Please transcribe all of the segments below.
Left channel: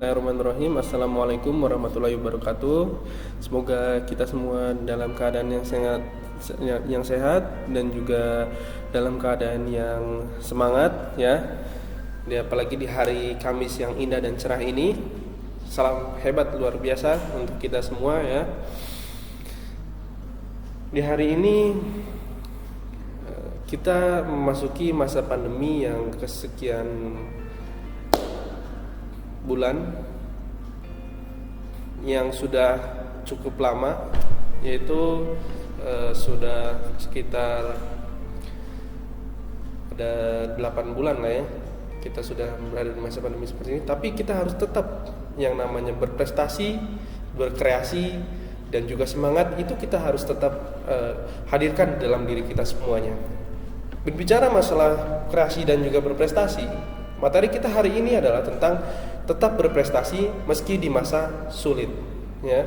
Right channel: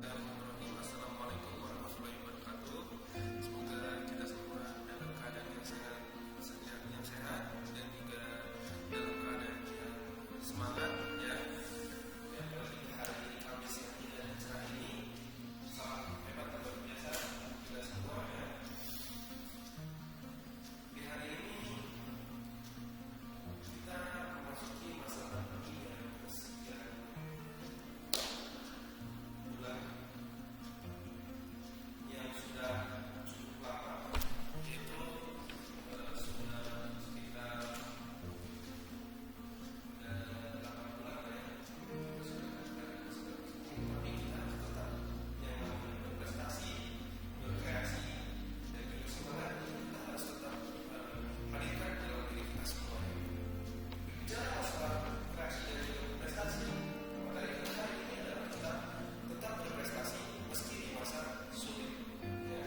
Bismillahirrahmanirrahim. Assalamualaikum warahmatullahi wabarakatuh. Semoga kita semua dalam keadaan yang sehat dan juga dalam keadaan yang semangat ya. Apalagi di hari Kamis yang indah dan cerah ini. Salam hebat luar biasa untuk kita semua ya. Di hari ini kita memasuki masa pandemi yang kesekian bulan yang sudah cukup lama, yaitu sudah sekitar ada 8 bulan lah ya kita sudah berada di masa pandemi seperti ini. Tapi kita harus tetap yang namanya berprestasi, berkreasi dan juga semangat itu kita harus tetap hadirkan dalam diri kita semuanya. Berbicara masalah kreasi dan juga berprestasi, materi kita hari ini adalah tentang tetap berprestasi meski di masa sulit ya.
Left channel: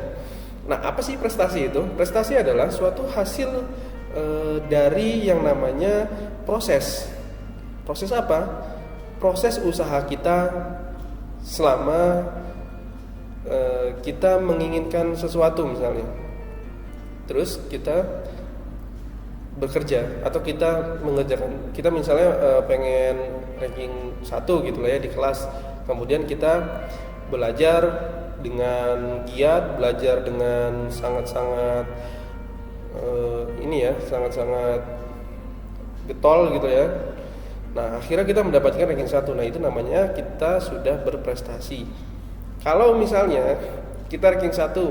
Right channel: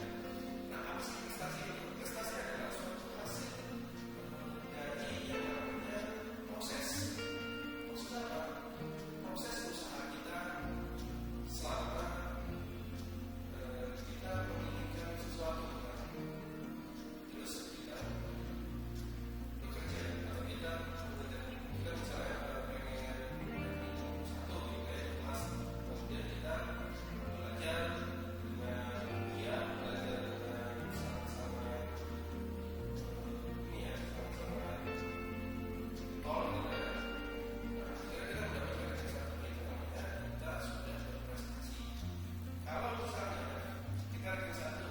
Nah, apa sih prestasi itu? Prestasi adalah suatu hasil dari yang namanya proses. Proses apa? Proses usaha kita selama kita menginginkan sesuatu misalnya. Terus kita bekerja atau kita mengerjakan, kita misalnya pengen ranking 1 gitu lah ya di kelas. Kemudian kita belajar dengan giat, belajar dengan sangat-sangat sangat-sangat getol gitu ya. Nah, akhirnya kita mendapatkan ranking 1. Nah, itu namanya kita sudah berprestasi. Kalau misalnya kita ranking 1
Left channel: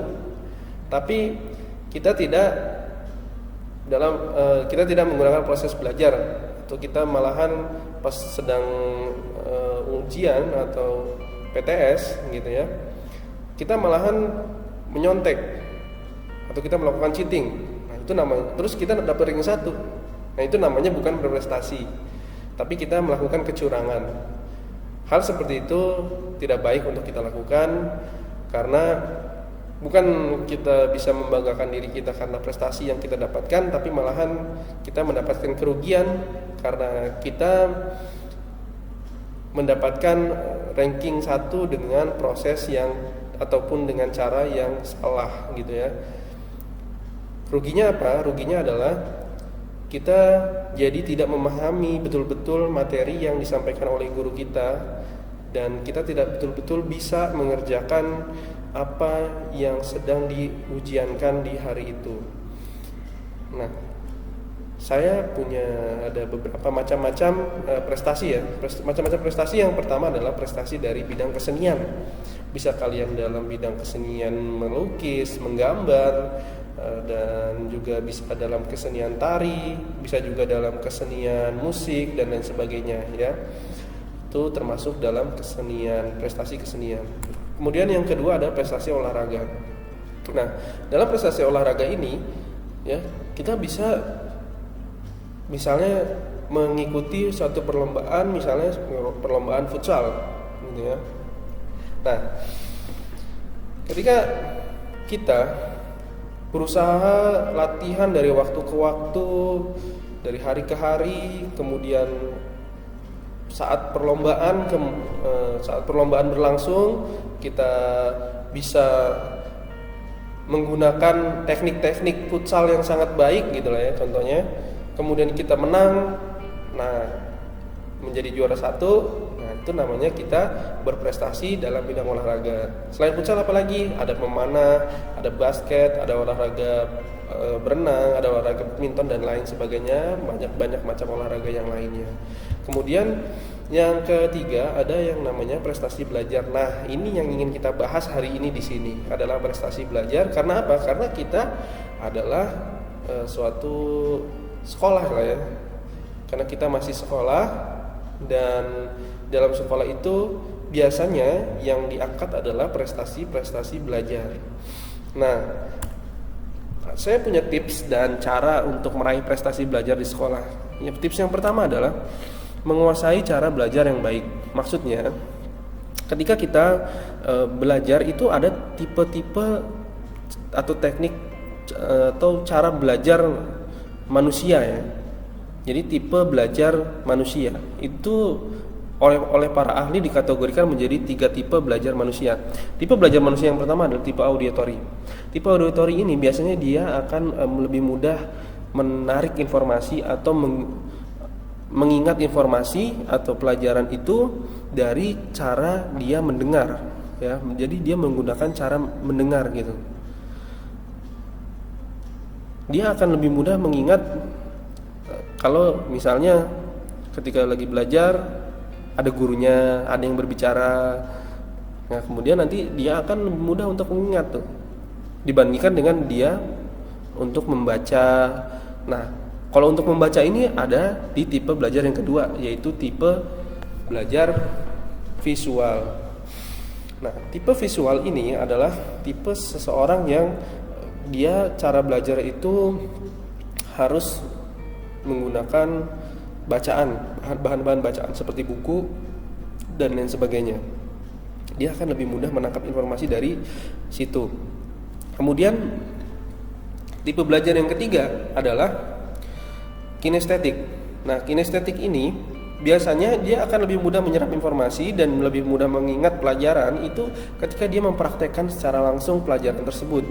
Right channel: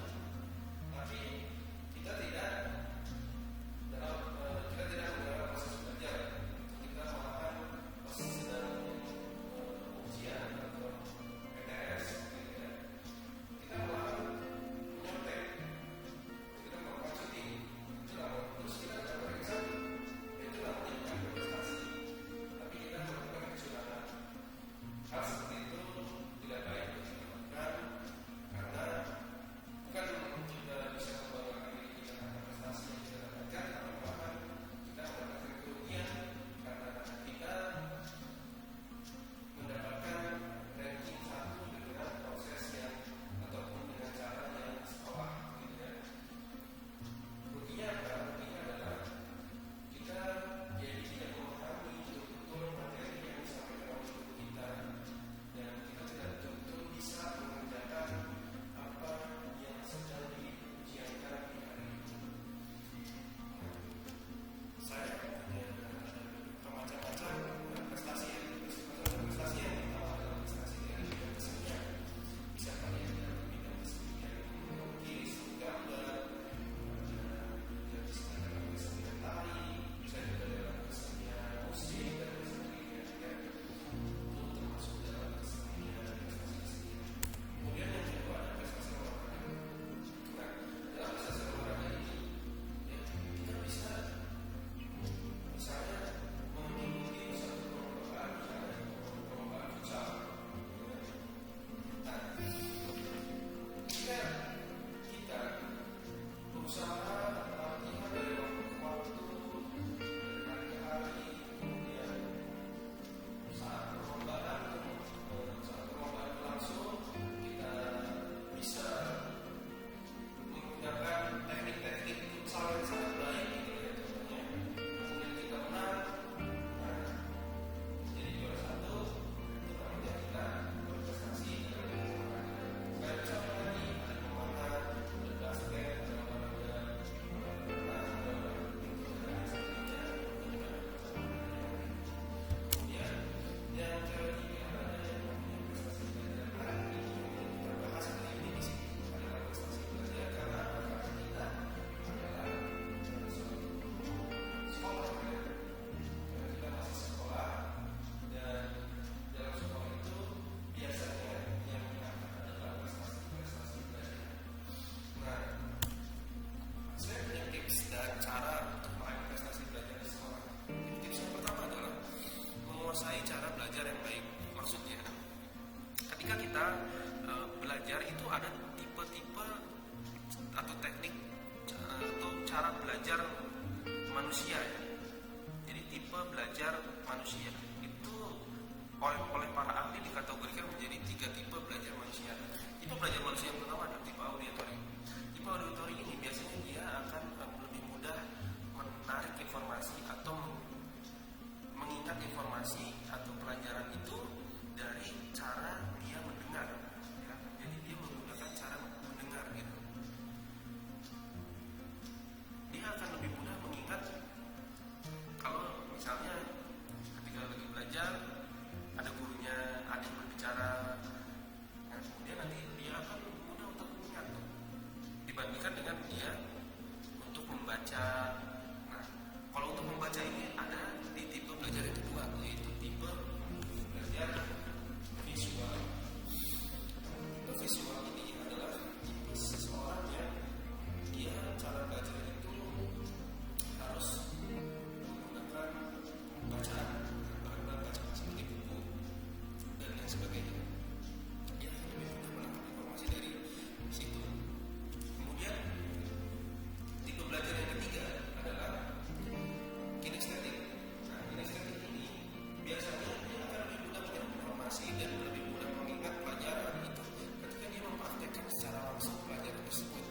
tapi kita tidak menggunakan proses belajar, atau kita malahan pas sedang ujian atau PTS gitu ya, kita malahan menyontek atau kita melakukan cheating. Nah, itu namanya, terus kita dapat ranking 1. Nah, itu namanya bukan berprestasi, tapi kita melakukan kecurangan. Hal seperti itu tidak baik untuk kita lakukan, karena bukan kita bisa membanggakan diri kita karena prestasi yang kita dapatkan, tapi malahan kita mendapatkan kerugian karena kita mendapatkan ranking 1 dengan proses yang ataupun dengan cara yang salah gitu ya. Ruginya apa? Ruginya adalah kita jadi tidak memahami betul-betul materi yang disampaikan oleh guru kita, dan kita tidak betul-betul bisa mengerjakan apa yang sedang diujiankan di hari itu. Nah, saya punya ada beberapa macam-macam prestasi ya. Macam-macam prestasi, yang pertama adalah prestasi dari bidang kesenian. Bisa kalian dalam bidang kesenian melukis, menggambar, dan juga bisa dalam kesenian tari, bisa juga dalam kesenian musik dan lain sebagainya ya. Itu termasuk dalam kesenian, prestasi kesenian. Kemudian yang kedua ada prestasi olahraga. Nah, dalam prestasi olahraga ini ya, kita bisa misalnya mengikuti suatu perlombaan, misalnya perlombaan futsal gitu ya. Nah, ketika kita berusaha latihan dari waktu ke waktu, dari hari ke hari, kemudian saat perlombaan berlangsung kita bisa menggunakan teknik-teknik futsal yang sangat baik gitu lah ya contohnya. Kemudian kita menang, nah menjadi juara 1. Nah, itu namanya kita berprestasi dalam bidang olahraga. Selain futsal apalagi? Ada memanah, ada basket, ada olahraga berenang, ada olahraga badminton dan lain sebagainya. Banyak macam olahraga yang lainnya. Kemudian yang ketiga ada yang namanya prestasi belajar. Nah, ini yang ingin kita bahas hari ini di sini adalah prestasi belajar. Karena apa? Karena kita adalah suatu sekolah lah ya. Karena kita masih sekolah, dan dalam sekolah itu biasanya yang diangkat adalah prestasi-prestasi belajar. Nah, saya punya tips dan cara untuk meraih prestasi belajar di sekolah. Tips yang pertama adalah menguasai cara belajar yang baik. Maksudnya, ketika kita belajar itu ada tipe-tipe atau teknik atau cara belajar manusia ya. Jadi tipe belajar manusia itu oleh para ahli dikategorikan menjadi 3 tipe belajar manusia. Tipe belajar manusia yang pertama adalah tipe auditory. Tipe auditory ini biasanya dia akan lebih mudah menarik informasi atau mengingat informasi atau pelajaran itu dari cara dia mendengar, ya. Jadi dia menggunakan cara mendengar gitu. Dia akan lebih mudah mengingat kalau misalnya ketika lagi belajar ada gurunya, ada yang berbicara. Nah, kemudian nanti dia akan lebih mudah untuk mengingat tuh dibandingkan dengan dia untuk membaca. Nah, kalau untuk membaca ini ada di tipe belajar yang kedua, yaitu tipe belajar visual. Nah, tipe visual ini adalah tipe seseorang yang dia cara belajar itu harus menggunakan bacaan, bahan-bahan bacaan seperti buku dan lain sebagainya. Dia akan lebih mudah menangkap informasi dari situ. Kemudian tipe belajar yang ketiga adalah kinestetik. Nah, kinestetik ini biasanya dia akan lebih mudah menyerap informasi dan lebih mudah mengingat pelajaran itu ketika dia mempraktekkan secara langsung pelajaran tersebut.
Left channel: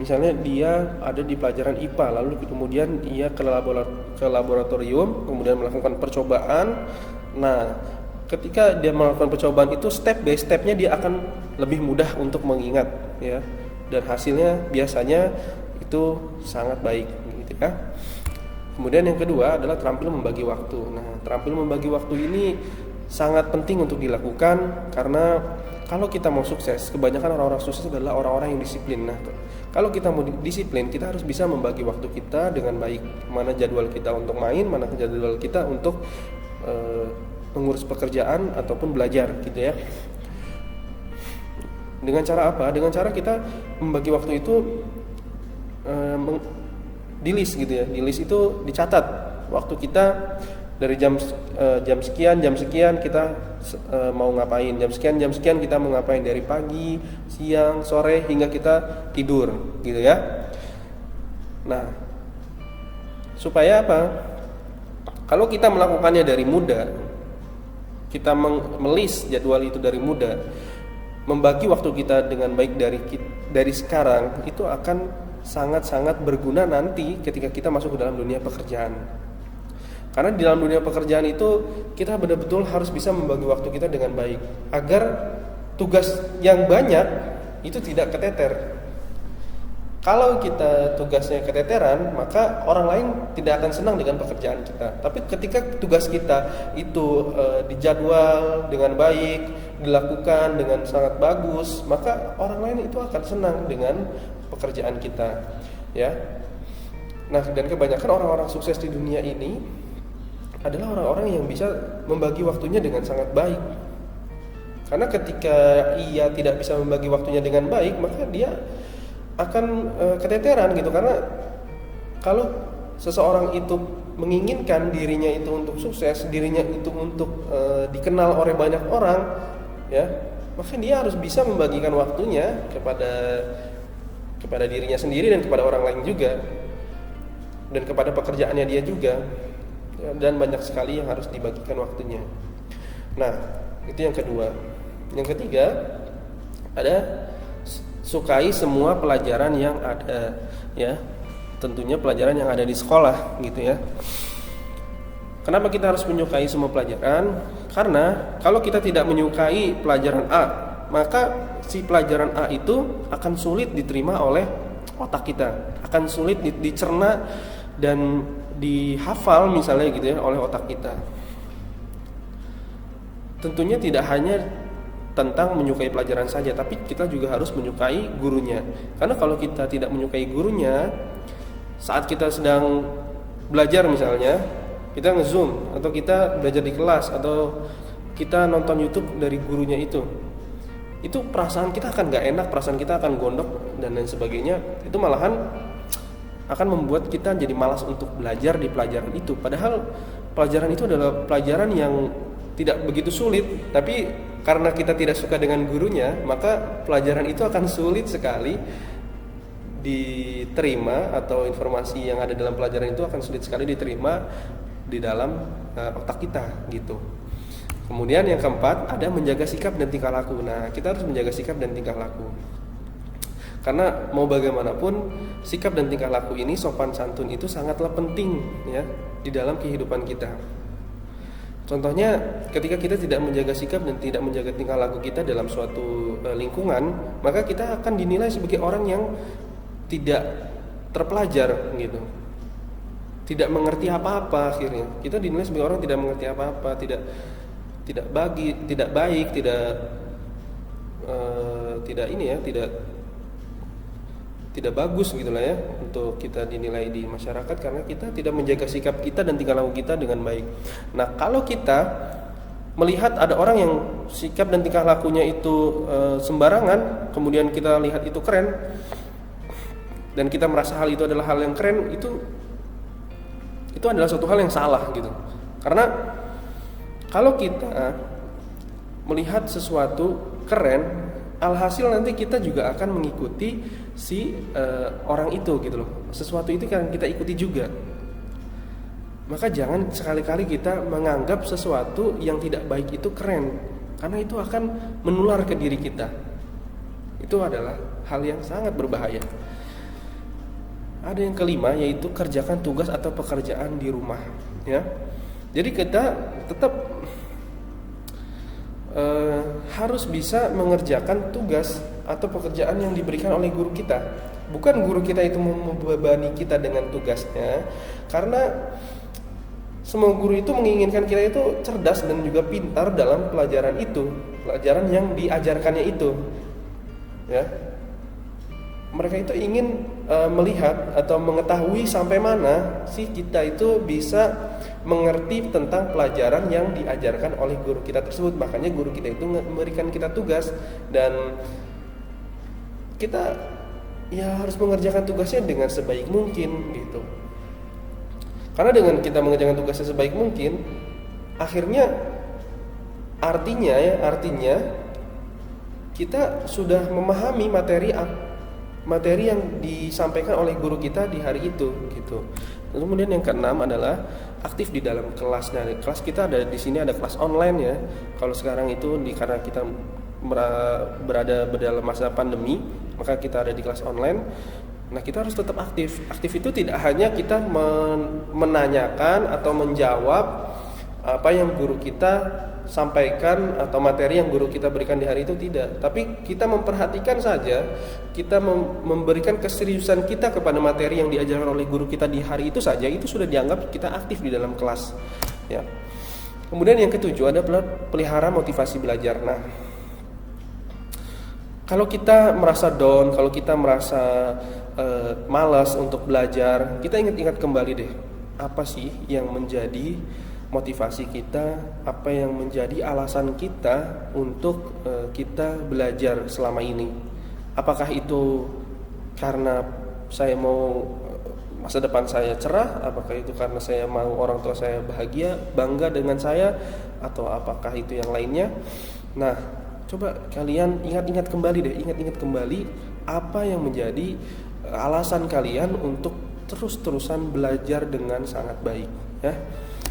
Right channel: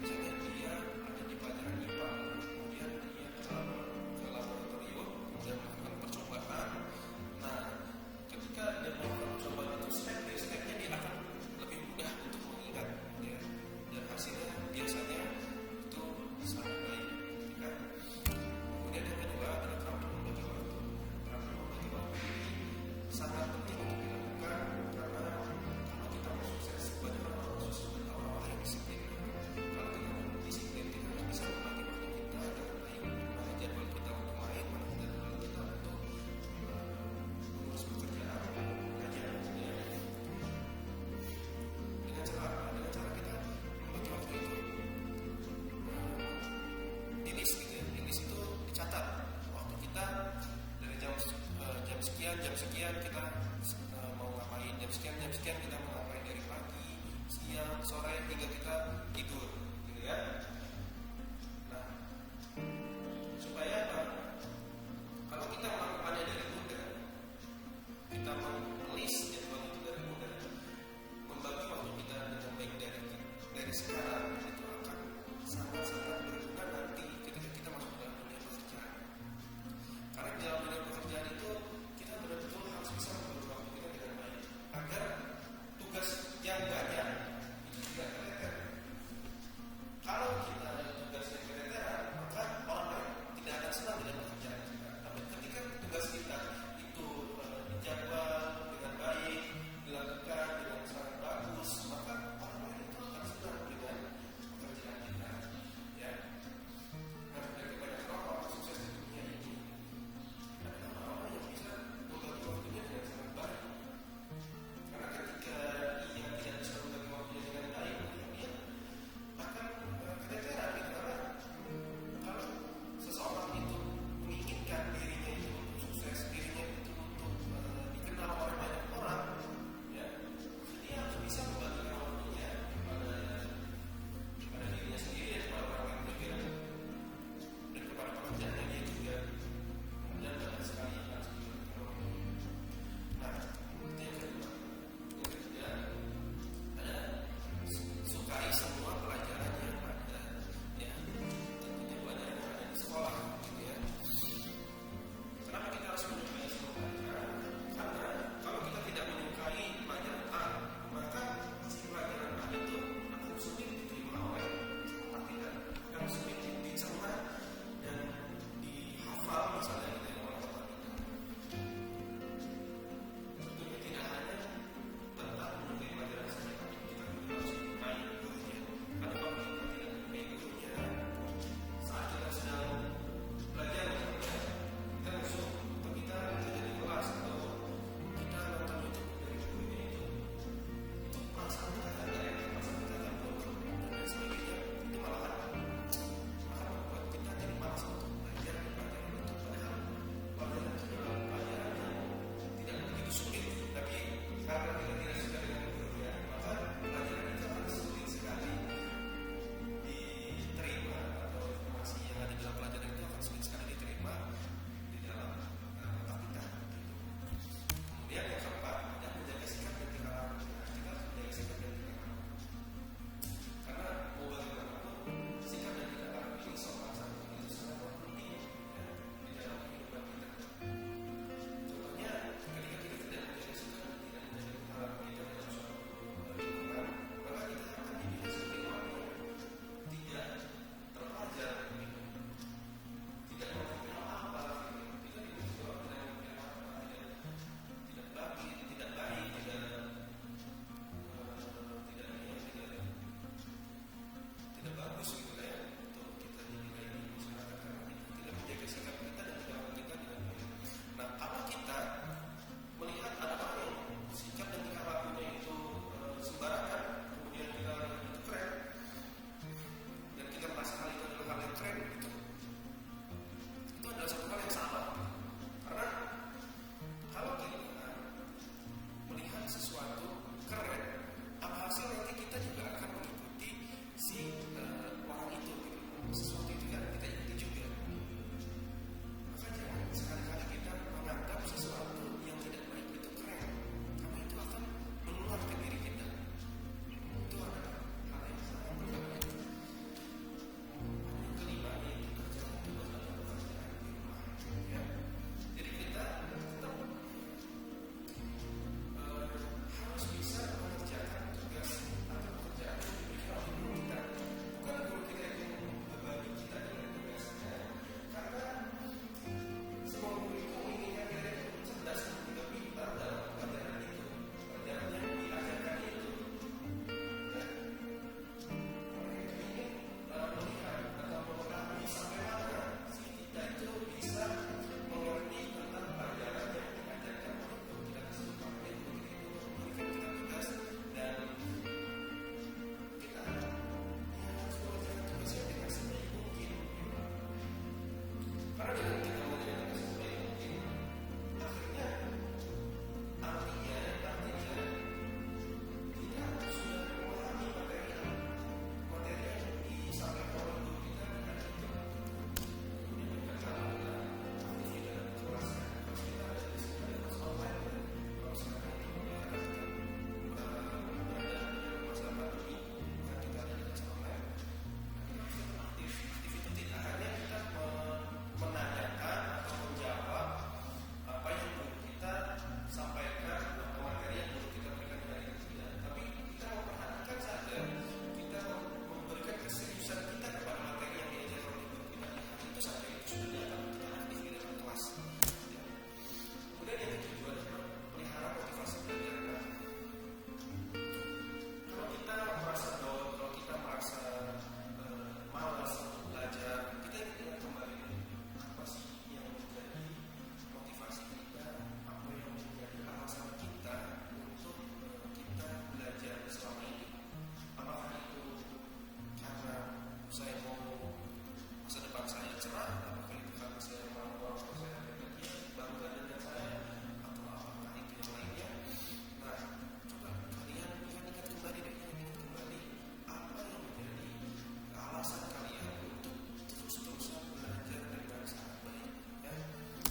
Misalnya dia ada di pelajaran IPA, lalu kemudian dia ke laboratorium, kemudian melakukan percobaan. Nah, ketika dia melakukan percobaan itu step by stepnya dia akan lebih mudah untuk mengingat, ya. Dan hasilnya biasanya itu sangat baik, gitu ya. Kemudian yang kedua adalah terampil membagi waktu. Nah, terampil membagi waktu ini sangat penting untuk dilakukan karena kalau kita mau sukses, kebanyakan orang-orang sukses adalah orang-orang yang disiplin. Nah, kalau kita mau disiplin, kita harus bisa membagi waktu kita dengan baik. Mana jadwal kita untuk main, mana jadwal kita untuk mengurus pekerjaan ataupun belajar, gitu ya. Dengan cara apa? Dengan cara kita membagi waktu itu di list, gitu ya. Di list itu dicatat waktu kita dari jam sekian kita mau ngapain, jam sekian kita mau ngapain, dari pagi, siang, sore hingga kita tidur, gitu ya. Nah, supaya apa? Kalau kita melakukannya dari muda, kita melis jadwal itu dari muda, membagi waktu kita dengan baik dari sekarang, itu akan sangat-sangat berguna nanti ketika kita masuk ke dalam dunia pekerjaan. Karena di dalam dunia pekerjaan itu kita benar-betul harus bisa membagi waktu kita dengan baik agar tugas yang banyak itu tidak keteter. Kalau kita tugasnya keteteran, maka orang lain tidak akan senang dengan pekerjaan kita. Tapi ketika tugas kita itu dijadwal dengan baik, dilakukan dengan sangat bagus, maka orang lain itu akan senang dengan pekerjaan kita, ya. Nah, dan kebanyakan orang-orang sukses di dunia ini adalah orang-orang yang bisa membagi waktunya dengan sangat baik. Karena ketika ia tidak bisa membagi waktunya dengan baik, maka dia akan keteteran gitu. Karena kalau seseorang itu menginginkan dirinya itu untuk sukses, dirinya itu untuk dikenal oleh banyak orang, ya, maka dia harus bisa membagikan waktunya kepada dirinya sendiri dan kepada orang lain juga, dan kepada pekerjaannya dia juga. Dan banyak sekali yang harus dibagikan waktunya. Nah, itu yang kedua. Yang ketiga ada sukai semua pelajaran yang ada, ya. Tentunya pelajaran yang ada di sekolah, gitu ya. Kenapa kita harus menyukai semua pelajaran? Karena kalau kita tidak menyukai pelajaran A, maka si pelajaran A itu akan sulit diterima oleh otak kita, akan sulit dicerna dan dihafal misalnya, gitu ya, oleh otak kita. Tentunya tidak hanya tentang menyukai pelajaran saja, tapi kita juga harus menyukai gurunya. Karena kalau kita tidak menyukai gurunya, saat kita sedang belajar misalnya, kita nge-zoom atau kita belajar di kelas atau kita nonton YouTube dari gurunya itu perasaan kita akan gak enak, perasaan kita akan gondok dan lain sebagainya. Itu malahan akan membuat kita jadi malas untuk belajar di pelajaran itu. Padahal pelajaran itu adalah pelajaran yang tidak begitu sulit, tapi karena kita tidak suka dengan gurunya, maka pelajaran itu akan sulit sekali diterima, atau informasi yang ada dalam pelajaran itu akan sulit sekali diterima di dalam otak kita, gitu. Kemudian yang keempat ada menjaga sikap dan tingkah laku. Nah, kita harus menjaga sikap dan tingkah laku. Karena mau bagaimanapun sikap dan tingkah laku ini, sopan santun itu sangatlah penting ya di dalam kehidupan kita. Contohnya ketika kita tidak menjaga sikap dan tidak menjaga tingkah laku kita dalam suatu lingkungan, maka kita akan dinilai sebagai orang yang tidak terpelajar gitu. Tidak mengerti apa-apa akhirnya. Kita dinilai sebagai orang tidak mengerti apa-apa, tidak baik, tidak bagus gitulah ya untuk kita dinilai di masyarakat karena kita tidak menjaga sikap kita dan tingkah laku kita dengan baik. Nah, kalau kita melihat ada orang yang sikap dan tingkah lakunya itu sembarangan, kemudian kita lihat itu keren dan kita merasa hal itu adalah hal yang keren, itu adalah suatu hal yang salah gitu. Karena kalau kita melihat sesuatu keren, alhasil nanti kita juga akan mengikuti si orang itu gitu loh. Sesuatu itu kan kita ikuti juga. Maka jangan sekali-kali kita menganggap sesuatu yang tidak baik itu keren, karena itu akan menular ke diri kita. Itu adalah hal yang sangat berbahaya. Ada yang kelima, yaitu kerjakan tugas atau pekerjaan di rumah ya. Jadi kita tetap harus bisa mengerjakan tugas atau pekerjaan yang diberikan oleh guru kita. Bukan guru kita itu membebani kita dengan tugasnya, karena semua guru itu menginginkan kita itu cerdas dan juga pintar dalam pelajaran yang diajarkannya itu ya. Mereka itu ingin melihat atau mengetahui sampai mana sih kita itu bisa mengerti tentang pelajaran yang diajarkan oleh guru kita tersebut. Makanya guru kita itu memberikan kita tugas, dan kita ya harus mengerjakan tugasnya dengan sebaik mungkin gitu. Karena dengan kita mengerjakan tugasnya sebaik mungkin, artinya kita sudah memahami materi yang disampaikan oleh guru kita di hari itu gitu. Kemudian yang keenam adalah aktif di dalam kelas. Nah, kelas kita ada di sini, ada kelas online ya. Kalau sekarang itu karena kita berada dalam masa pandemi, maka kita ada di kelas online. Nah, kita harus tetap aktif. Aktif itu tidak hanya kita menanyakan atau menjawab apa yang guru kita sampaikan atau materi yang guru kita berikan di hari itu, tidak. Tapi kita memperhatikan saja, kita memberikan keseriusan kita kepada materi yang diajarkan oleh guru kita di hari itu saja, itu sudah dianggap kita aktif di dalam kelas ya. Kemudian yang ketujuh adalah pelihara motivasi belajar. Nah, kalau kita merasa down, kalau kita merasa malas untuk belajar, kita ingat-ingat kembali deh, apa sih yang menjadi motivasi kita, apa yang menjadi alasan kita untuk kita belajar selama ini. Apakah itu karena saya mau masa depan saya cerah, apakah itu karena saya mau orang tua saya bahagia, bangga dengan saya, atau apakah itu yang lainnya. Nah, coba kalian ingat-ingat kembali apa yang menjadi alasan kalian untuk terus-terusan belajar dengan sangat baik ya.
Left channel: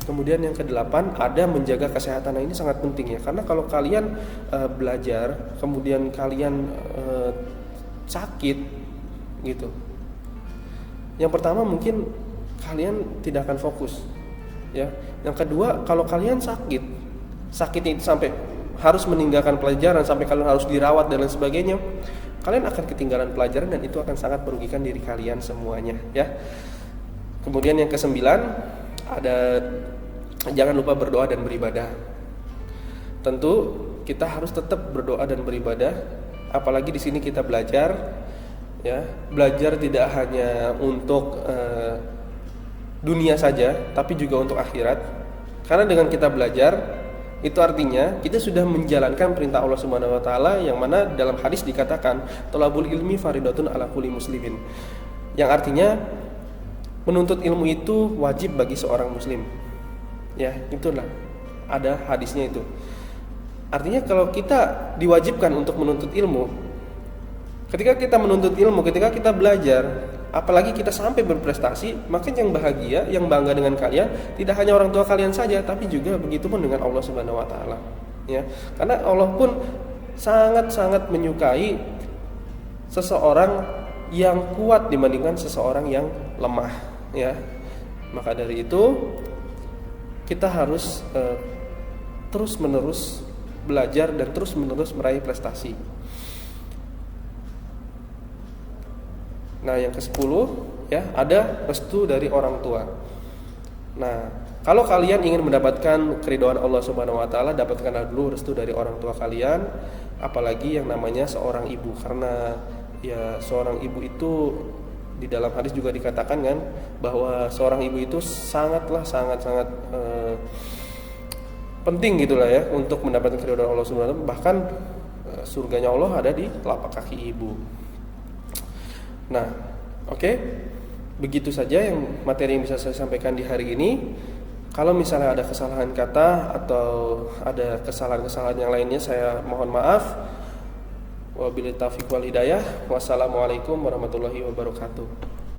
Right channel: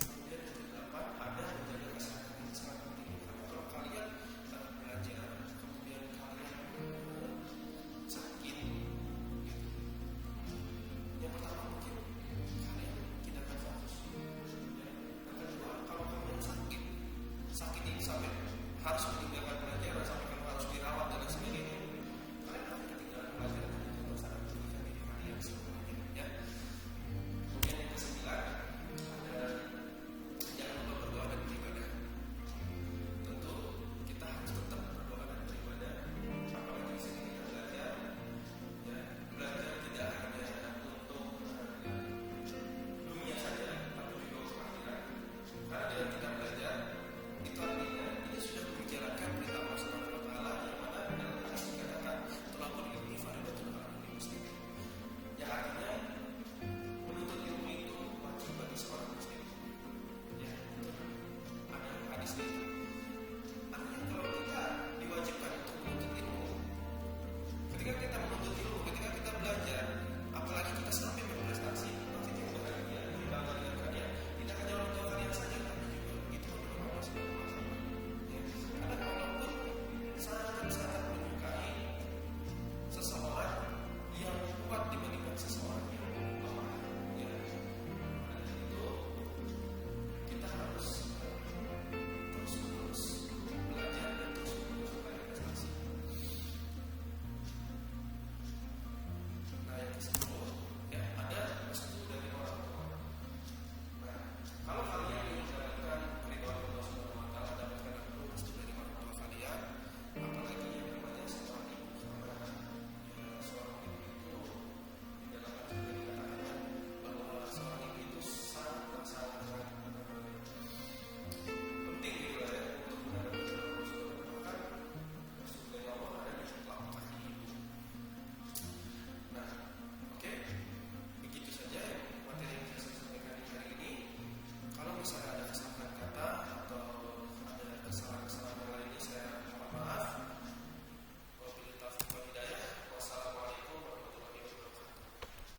Kemudian yang ke-8 ada menjaga kesehatan. Nah, ini sangat penting ya, karena kalau kalian belajar kemudian kalian sakit gitu, yang pertama mungkin kalian tidak akan fokus ya. Yang kedua, kalau kalian sakitnya itu sampai harus meninggalkan pelajaran, sampai kalian harus dirawat dan lain sebagainya, kalian akan ketinggalan pelajaran dan itu akan sangat merugikan diri kalian semuanya ya. Kemudian yang ke-9 ada jangan lupa berdoa dan beribadah. Tentu kita harus tetap berdoa dan beribadah, apalagi di sini kita belajar ya. Belajar tidak hanya untuk dunia saja, tapi juga untuk akhirat. Karena dengan kita belajar, itu artinya kita sudah menjalankan perintah Allah Subhanahu wa taala, yang mana dalam hadis dikatakan thalabul ilmi faridatun ala kulli muslimin. Yang artinya menuntut ilmu itu wajib bagi seorang muslim. Ya, itulah ada hadisnya itu. Artinya kalau kita diwajibkan untuk menuntut ilmu, ketika kita menuntut ilmu, ketika kita belajar, apalagi kita sampai berprestasi, maka yang bahagia, yang bangga dengan kalian tidak hanya orang tua kalian saja, tapi juga begitu pun dengan Allah Subhanahu wa taala. Ya. Karena Allah pun sangat-sangat menyukai seseorang yang kuat dibandingkan seseorang yang lemah, ya. Maka dari itu kita harus terus-menerus belajar dan terus-menerus meraih prestasi. Nah, yang ke-10 ya, ada restu dari orang tua. Nah, kalau kalian ingin mendapatkan keridhaan Allah Subhanahu wa taala, dapatkanlah dulu restu dari orang tua kalian, apalagi yang namanya seorang ibu, karena ya seorang ibu itu di dalam hadis juga dikatakan kan bahwa seorang ibu itu sangat penting gitulah ya untuk mendapatkan keridhaan Allah Subhanahu wa taala, bahkan surganya Allah ada di telapak kaki ibu. Nah, oke. Begitu saja yang materi yang bisa saya sampaikan di hari ini. Kalau misalnya ada kesalahan kata atau ada kesalahan-kesalahan yang lainnya, saya mohon maaf. Wabillahi taufiq wal hidayah. Wassalamualaikum warahmatullahi wabarakatuh.